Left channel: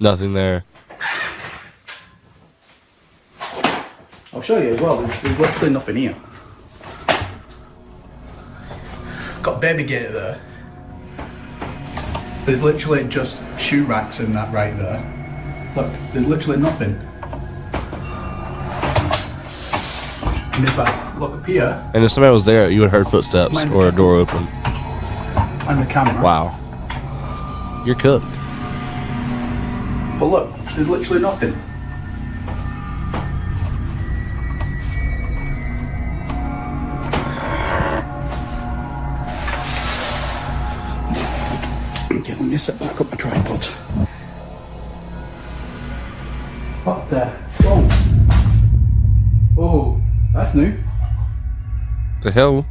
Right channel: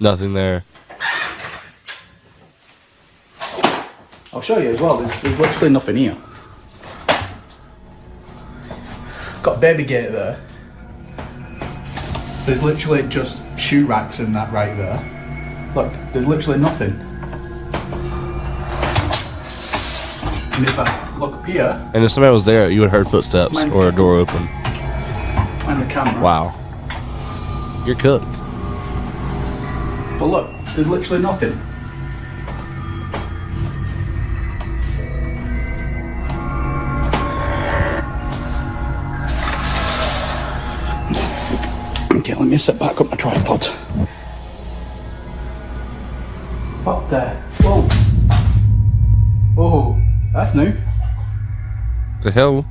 Nothing there. I'll show you as well. There's literally nothing here. Got a baby gate there. There's literally just shoe racks in that right there. Look, there's literally nothing. And if I look up here... And if somebody was there, you would have heard footsteps or a door open. And the camera. Wow. You're cooked. But look, there's literally nothing. Okay, let me set back up my tripod. What the? Whoa. Oh, that's new. The hell?